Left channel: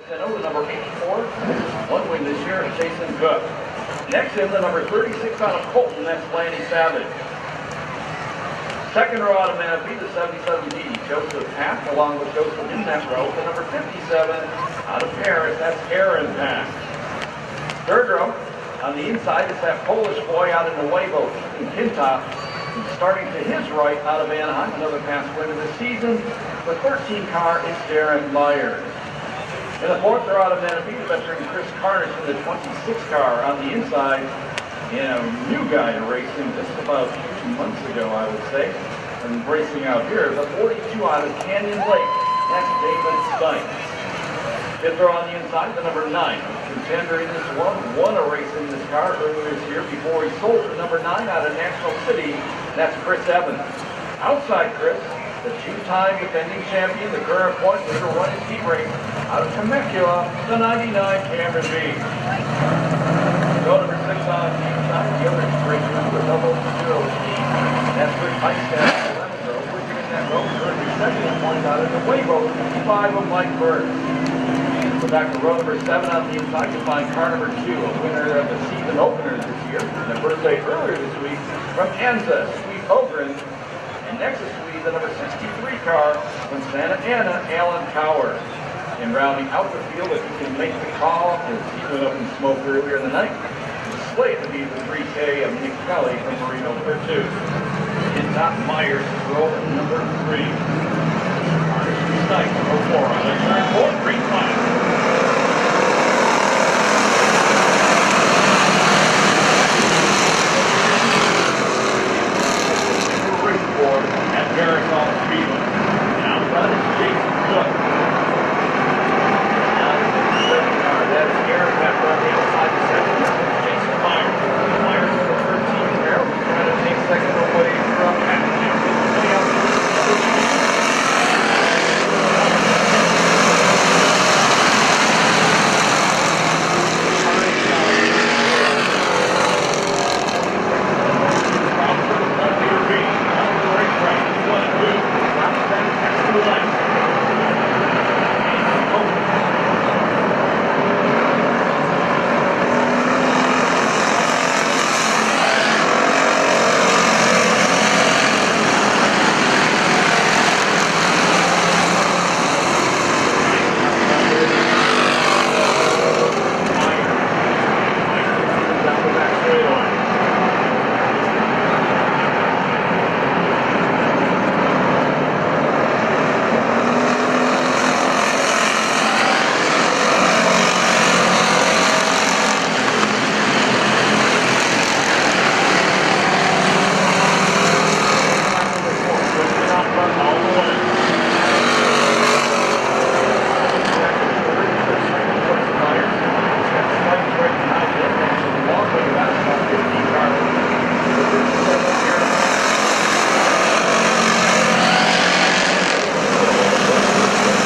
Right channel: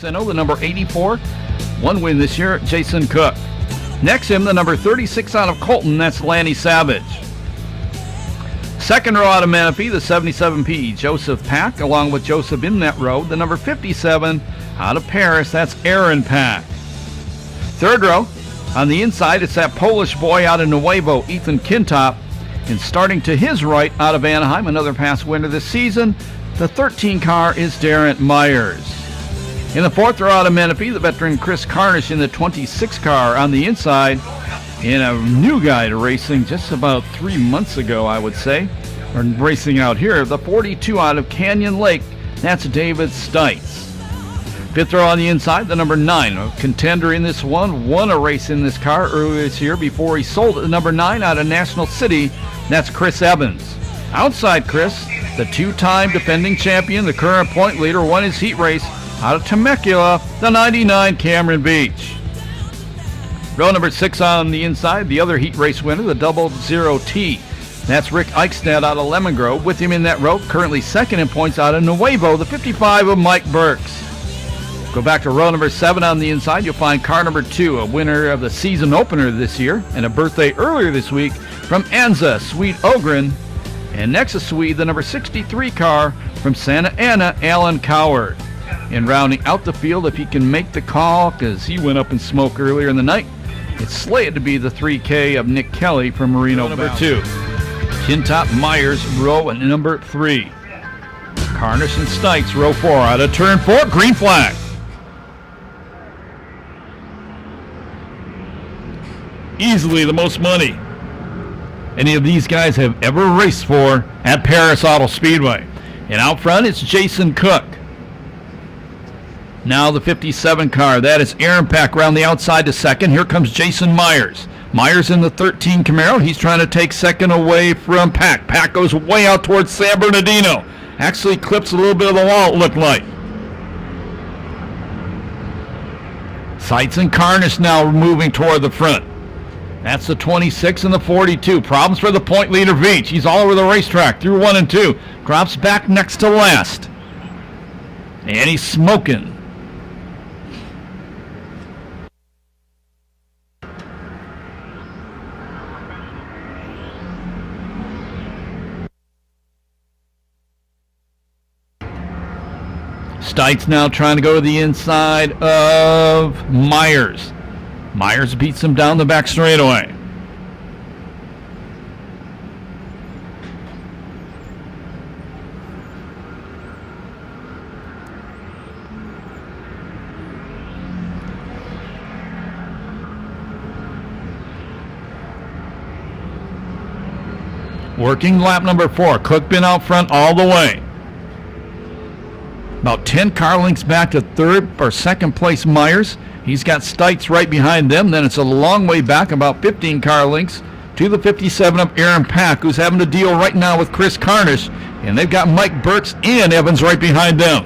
Senno, the number 84, one win this year, Jason Cook. Next him, the number 36 out of Colton, that's Lanny Savage. Second row out of Menifee, the 77P, Joseph Pack, along with Joseph in that row, the number 57 out of Perris, that's Aaron Pack. Third row, on the inside, it's that Polish boy out of Nuevo, Ethan Kintop. And starting to his right out of Anaheim, another past winner this season, the 13 car is Darren Myers. In the fourth row out of Menifee, the veteran Kris Carnish in the 26 car on the inside. And a new guy to racing just about 3 months ago, I would say. Or racing out here, the 42 out of Canyon Lake, that's David Stites. Fifth row on the inside, the number 9, a contender in this one, won a race in this car earlier this year before he sold it. The number 9 out of National City, that's Chris Evans. Outside Chris, the two-time defending champion, the current point leader, won his heat race out of Temecula, the 99 Cameron Beach. Row number 6 on the inside, the other heat race winner, the 00T. That's Rick Eicksteadt out of Lemon Grove. With him in that row, currently second in points out of Nuevo, the 55 of Mike Burks. Go back to row number 7 on the inside, you'll find car number 2, a winner of the season opener this year, and a birthday earlier this week from Anza, Swede Ogren. And next to Swede, the number 63 car from Santa Ana, Alan Coward. And rounding out the field, if he can make the call, because he went up in smoke earlier in the night, it's slated to be the 3K of Nick Kelly from Moreno number 2. Kintop Myers, row number 3. Carnish and Stites, row 4. Out of turn 4, green flag. Easily the most money any of these guys have ever raced for at Perris Auto Speedway. And out front, it's Jason Cook. Now the 57 car, that is Aaron Pack around the outside to second. Here comes Jason Myers. Myers in the 13 Camaro. He's trying to take second away from Pack. Pack goes way out towards San Bernardino. Actually clips a little bit of the wall, it looked like. Stites and Carnish now moving toward the front. That's the 26 and the 42. Problems for the point leader Veatch. He's all over the racetrack through 1 and 2. Drops back next to last. And he's smoking. Stites now trying to go to the inside of Myers. Myers beats him down the back straightaway. Working lap number 4. Cook been out front all the way. About 10 car lengths back to third or second place Myers. He's got Stites right behind them. Then it's a long way back, about 15 car lengths, to the 57 of Aaron Pack, who's having to deal right now with Kris Carnish. And they've got Mike Burks and Evans right behind them.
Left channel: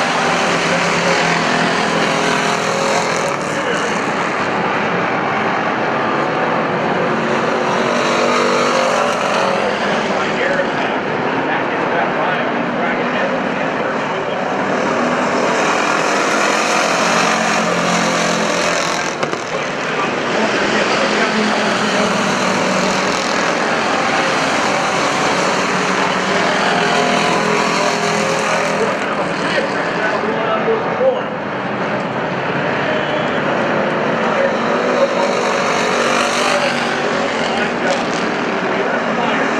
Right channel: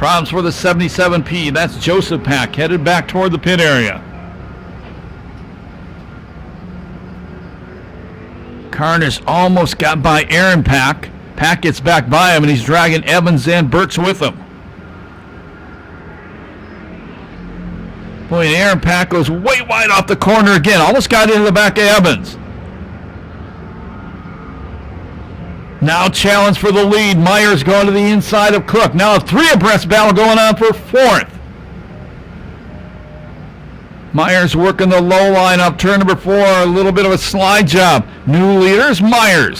Problems for the 77P. That's Joseph Pack, headed back toward the pit area. Carnish almost got by Aaron Pack. Pack gets back by him, and he's dragging Evans and Burks with him. And Aaron Pack goes way wide off the corner again. Almost got into the back of Evans. Now challenge for the lead. Myers going to the inside of Cook. Now a 3 abreast battle going on for 4th. Myers working the low line up turn number 4. A little bit of a slide job. New leaders, Myers.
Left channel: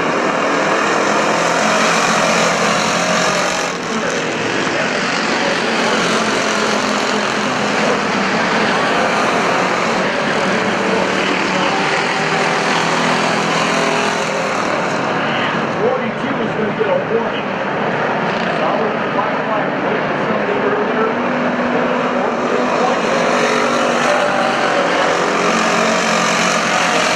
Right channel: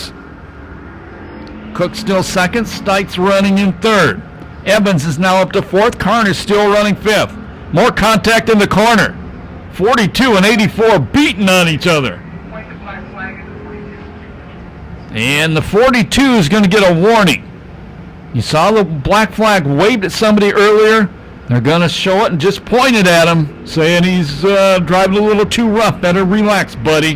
Cook still second. Stites running in 3rd. Evans is now up to 4th. Carnish still running 5th. More contact in the corner. 42 and 84 beating on each other. And the 42 is going to get a warning. You saw the black flag waved at somebody earlier. They're going to show it and just pointed at him, saying he's driving a little too rough. Better relax, buddy.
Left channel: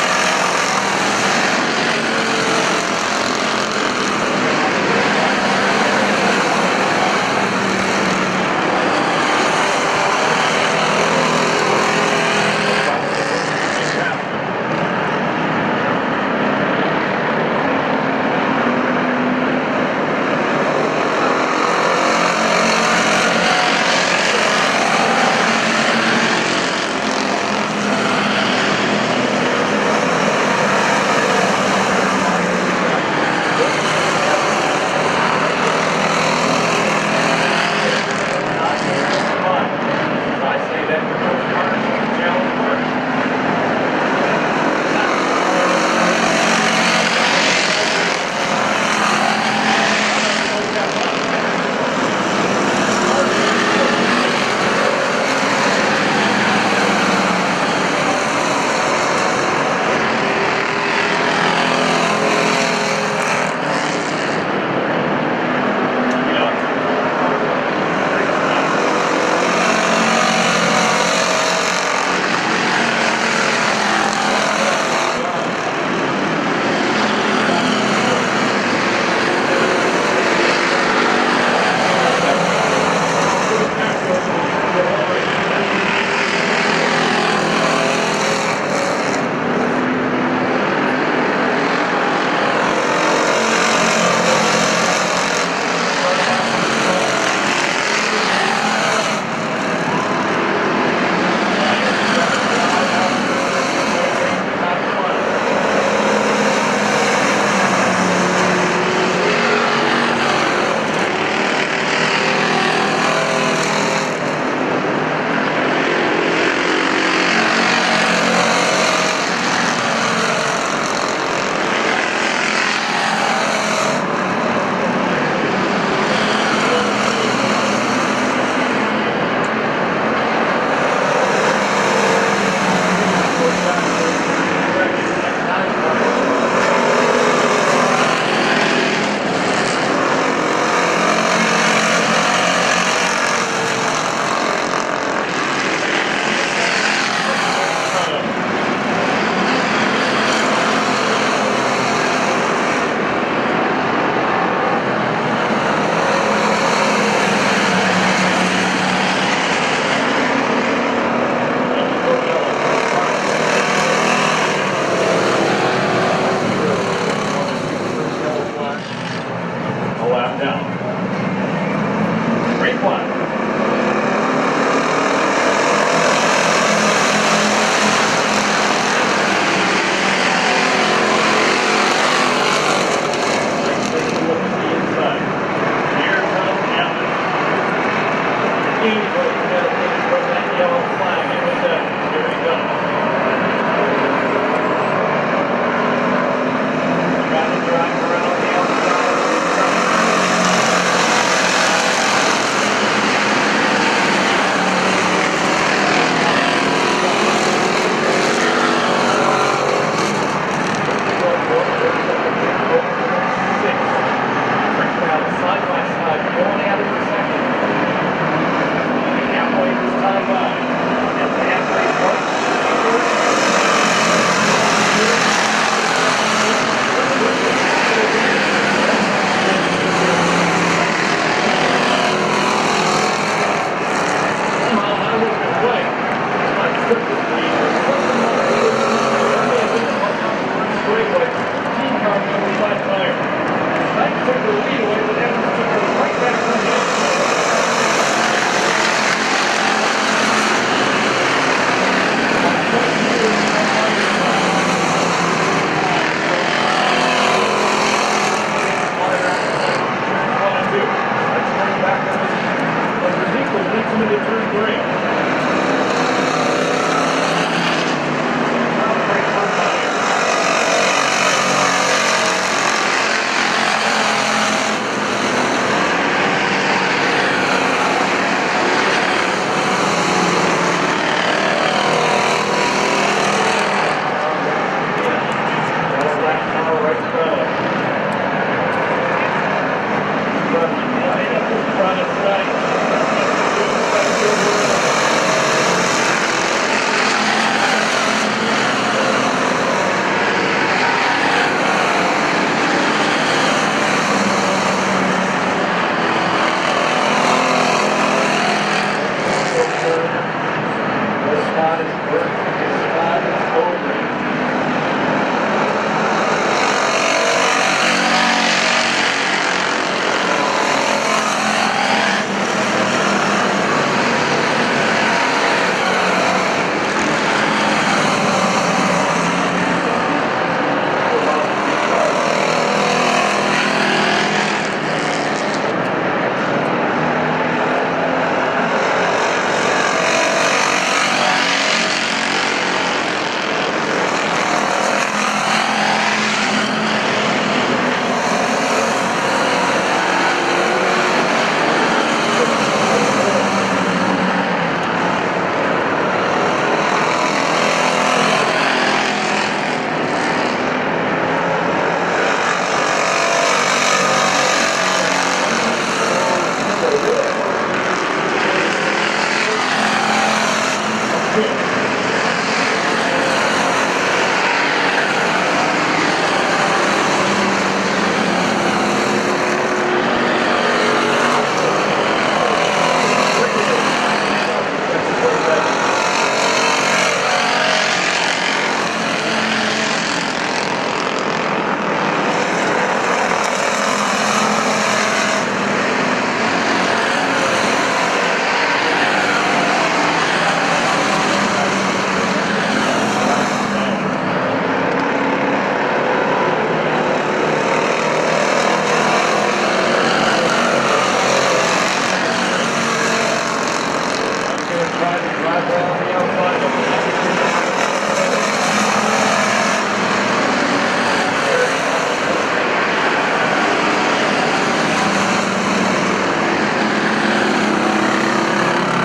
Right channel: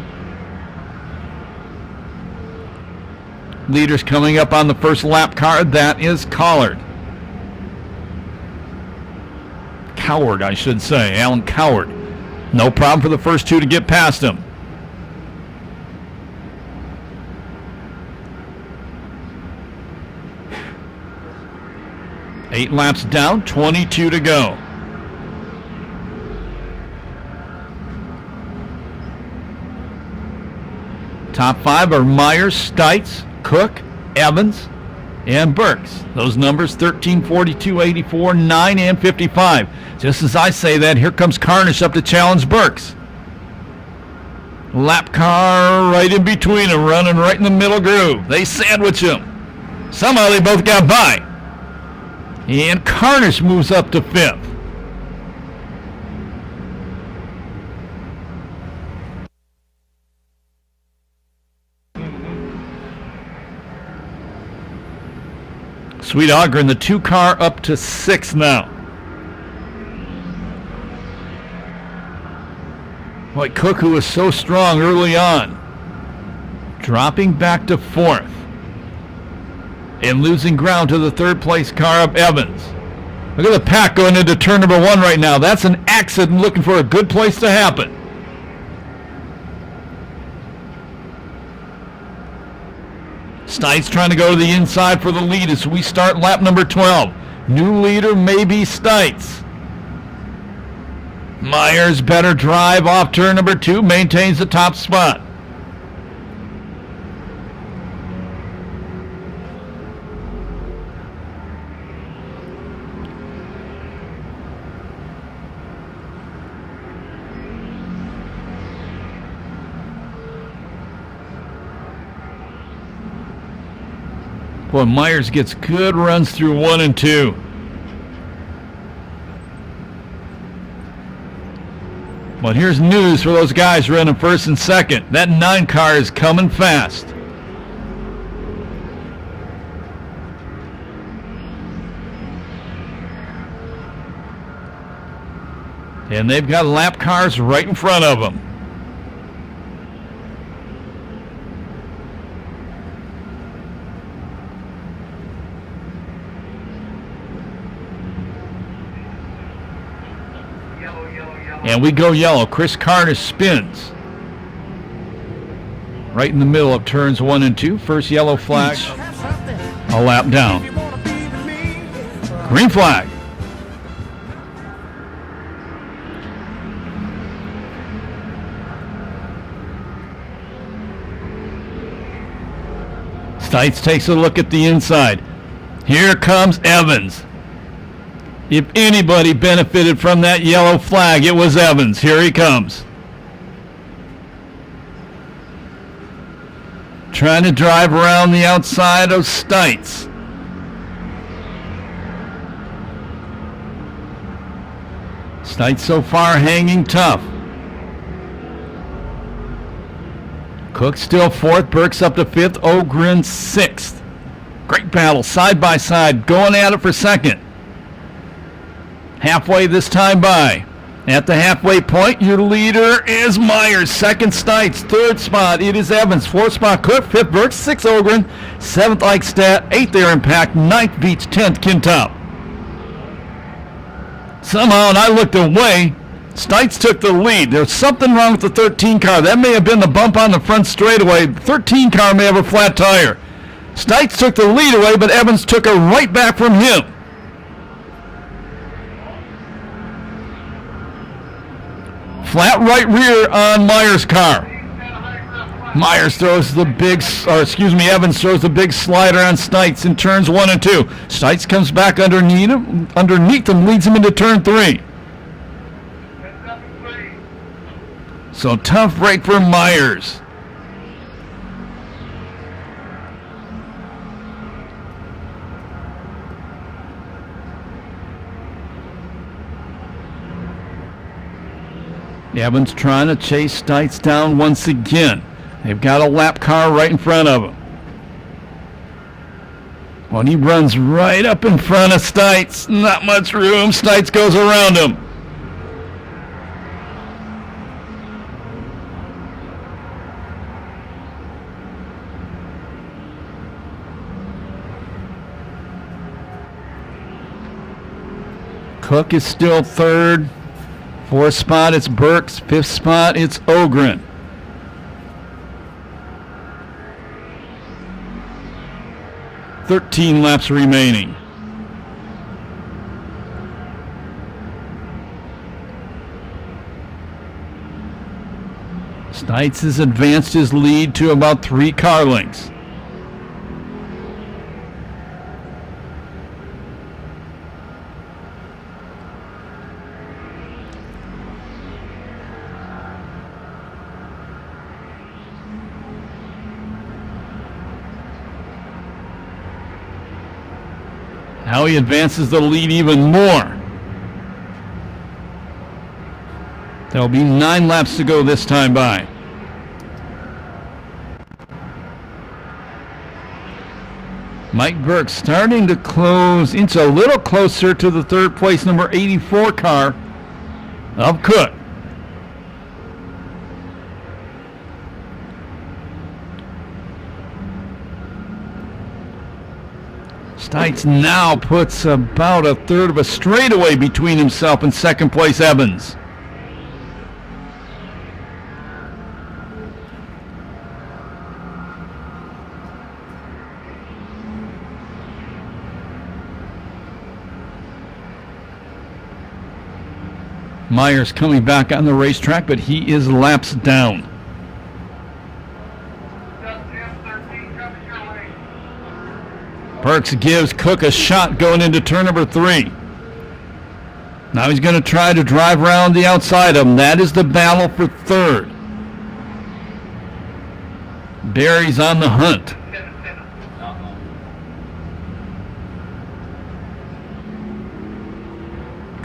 Leaders coming up on the first lap car. That is Collard. Coward, I should say. Alan Coward. No problem for the first 2 to get past him. down, 22 to go. Top 5 are Myers, Stites, Cook, Evans, and Burks. Those numbers 13, 42, 84, 9, and 55. Just as I say that, here comes Carnish up to challenge Burks. Lap car right in between them, running right in the middle groove. They sandwich him. Somehow they both got by. And Carnish moves up to 5th. Swede Ogren, the 2 car, up to 6th now. But Cook, who was so strong early on, dropping back to 4th. And losing ground to the 3rd place car of Evans. Look at the pack going into turn number 1 right now. That's an accident looking for a good place to happen. Stites trying to go to the inside for the lead as we start lap number 12. New leader may be Stites. Myers better drive off turn number 2, maintains the top spot. Well, Myers gets good runs through 1 and 2. Well, here's news for those guys running 1st and 2nd. That 9 car is coming fast. And they've got lap cars right in front of them. And we go yellow. Chris Carnish spins. Right in the middle of turns 1 and 2. First yellow flag. A lap down. Green flag. Stites takes a look at the inside. Here comes Evans. If anybody benefited from that yellow flag, it was Evans. Here he comes. Trying to drive around the outside of Stites. Stites so far hanging tough. Cook still 4th, Burks up to 5th, Ogren 6th. Great battle, side by side, going at it for 2nd. Halfway this time by. At the halfway point, your leader is Myers. 2nd, Stites. 3rd spot, it is Evans. 4th spot, Cook. 5th, Burks. 6th, Ogren. 7th, Eicksteadt. 8th, Darren. 9th, Veatch. 10th, Kintop. Somehow, and I looked away, Stites took the lead. There's something wrong with the 13 car. That may have been the bump on the front straightaway. 13 car may have a flat tire. Stites took the lead away, but Evans took her right back from him. Flat right rear on Myers' car. Myers throws the Evans throws the big slider on Stites in turns 1 and 2. Stites comes back underneath him, leads him into turn 3. So tough break for Myers. Evans trying to chase Stites down once again. They've got a lap car right in front of him. Well, he runs right up in front of Stites. Not much room. Stites goes around him. Cook is still 3rd. 4th spot, it's Burks. 5th spot, it's Ogren. .13 laps remaining. has advanced his lead to about 3 car lengths. Now he advances the lead even more. There'll be 9 laps to go this time by. Mike Burks starting to inch a little closer to the third place number 84 car of Cook. Stites now puts about a third of a straightaway between himself and second place Evans. Myers coming back on the racetrack, but he is laps down. Burks gives Cook a shot going into turn number 3. Now he's going to try to drive around the outside of him. That is the battle for third. Barry's on the hunt.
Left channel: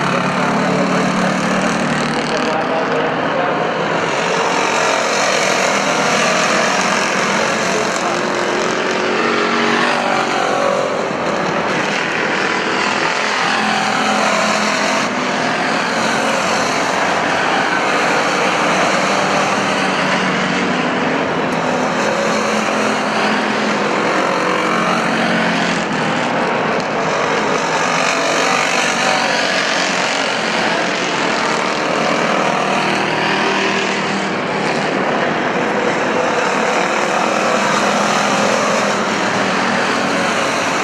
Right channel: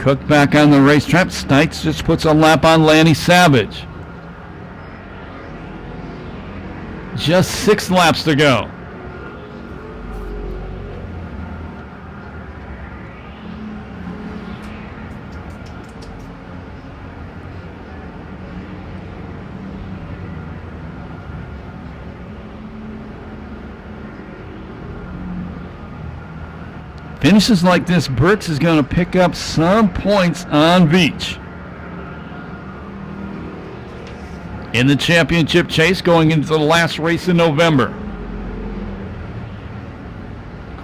Cook back on the racetrack. Stites just puts a lap on Lanny Savage. Just 6 laps to go. Finishes like this, Burks is going to pick up some points on Veatch. In the championship chase going into the last race in November.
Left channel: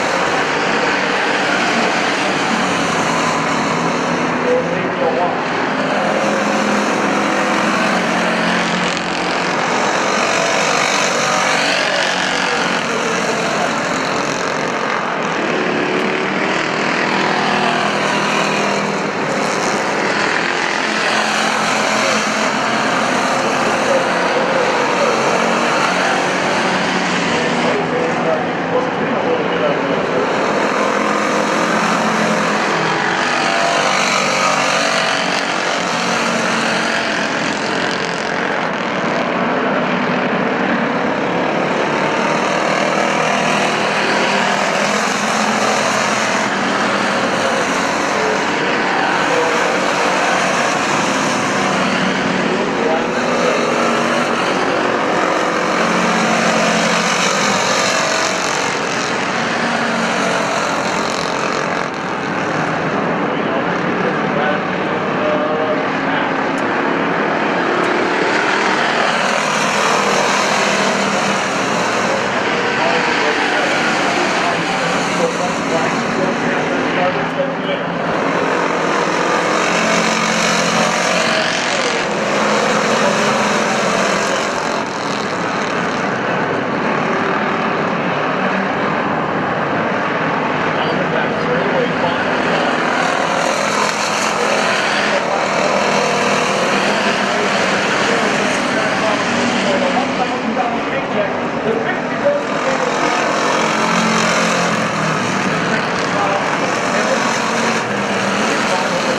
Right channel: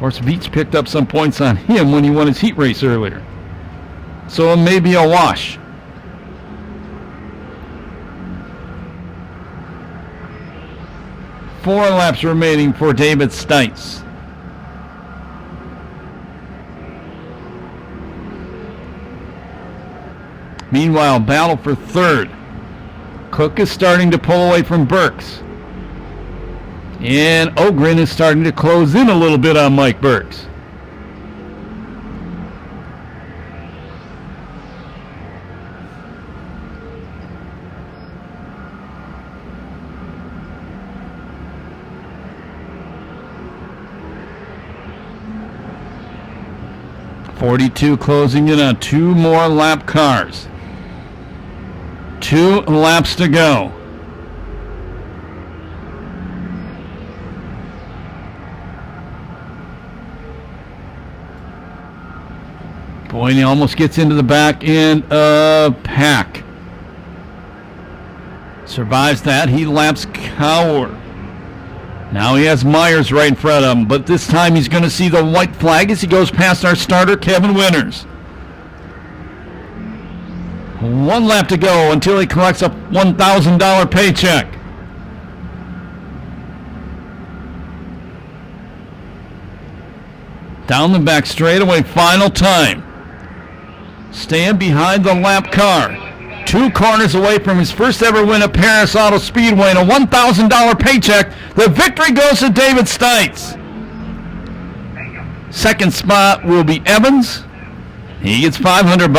Plus Veatch picked up some points on him when he won his heat race early. So it may be a wash. Four laps remaining for David Stites. Meanwhile, battle for third. Cook is starting to pull away from Burks. And Ogren is starting to close in a little bit on Mike Burks. Closing in on 2 more lap cars. 2 laps to go. When he almost gets into the back end of Pack. Survives that. He laps Coward. Now he has Myers right in front of him, but this time he's going to see the white flag as he goes past our starter, Kevin Winters. And 1 lap to go until he collects a $1,000 paycheck. Down the back straightaway, final time. Stand behind the lap car. 2 corners away from his first ever win at Perris Auto Speedway and a $1,000 paycheck. The victory goes to David Stites. Second spot will be Evans. He gets $500.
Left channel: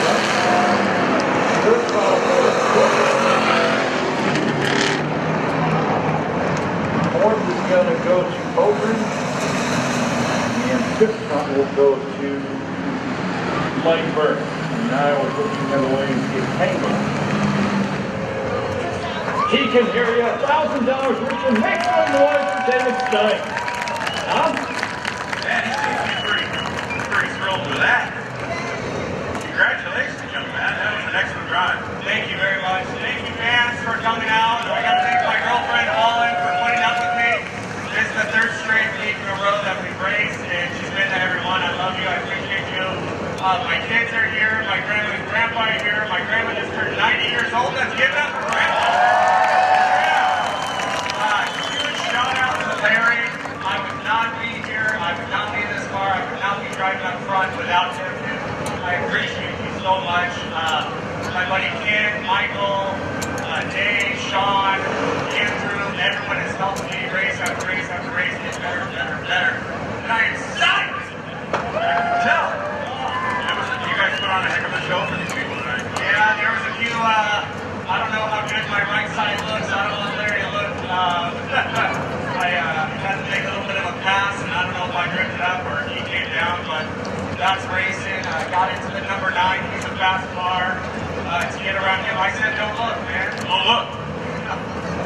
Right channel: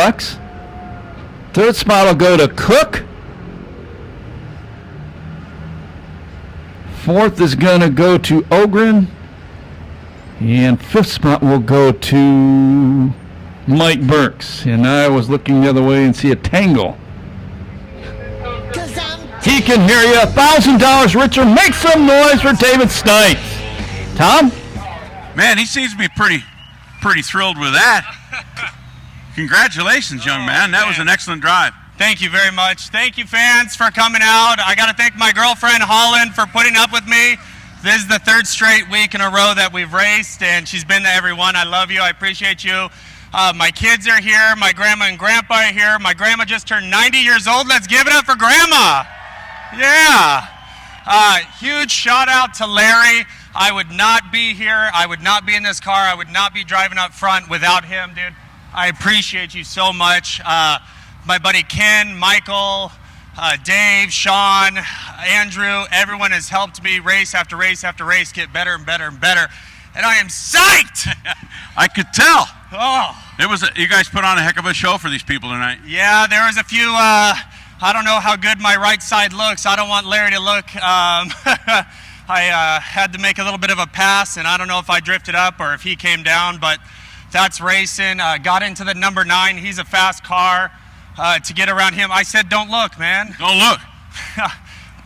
Third spot will go to Cook. Fourth is going to go to Ogren. And 5th spot will go to Mike Burks. And I was looking the other way and see a tangle. He can hear you. $1,000, Richard. Make some noise for David Stites. Tom? Man, he seems to be pretty thrilled with that. Congratulations, young man. That was an excellent drive. Thank you very much. Thank you, fans, for coming out. I got to thank my girlfriend, Holland, for putting up with me. This is the 3rd straight week in a row that we've raced, and she's been to every one. I love you. I appreciate you. My kids are here. My grandma and grandpa are here. My grandma just turned 90 years old. Let's give it up for Grandma. Yeah. Huge shout out to Larry. I would not be here. I would not be in this car. I would not be driving up front without him, dude. I appreciate you so much. My buddy Ken, Michael, Dave, Sean, Andrew, everyone has helped me race after race after race get better and better and better. And I am psyched! I could tell. Oh. You guys put on a heck of a show for these people tonight. Yeah, there was a few, I don't know how good my right side looks. I don't want Larry to look. I had to make a little bit of a pass, and I don't know if I drifted up or if he came down, but that's racing. Got into the number 9. He's a fast car. To get around him, I said, don't look, man. Don't look.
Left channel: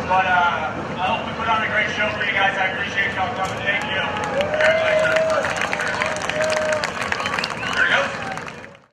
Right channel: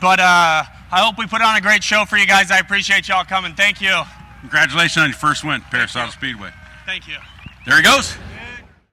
But I hope we put on a great show for you guys. I appreciate y'all coming. Thank you. Congratulations on your first win, Perris Auto Speedway. Thank you. There he goes.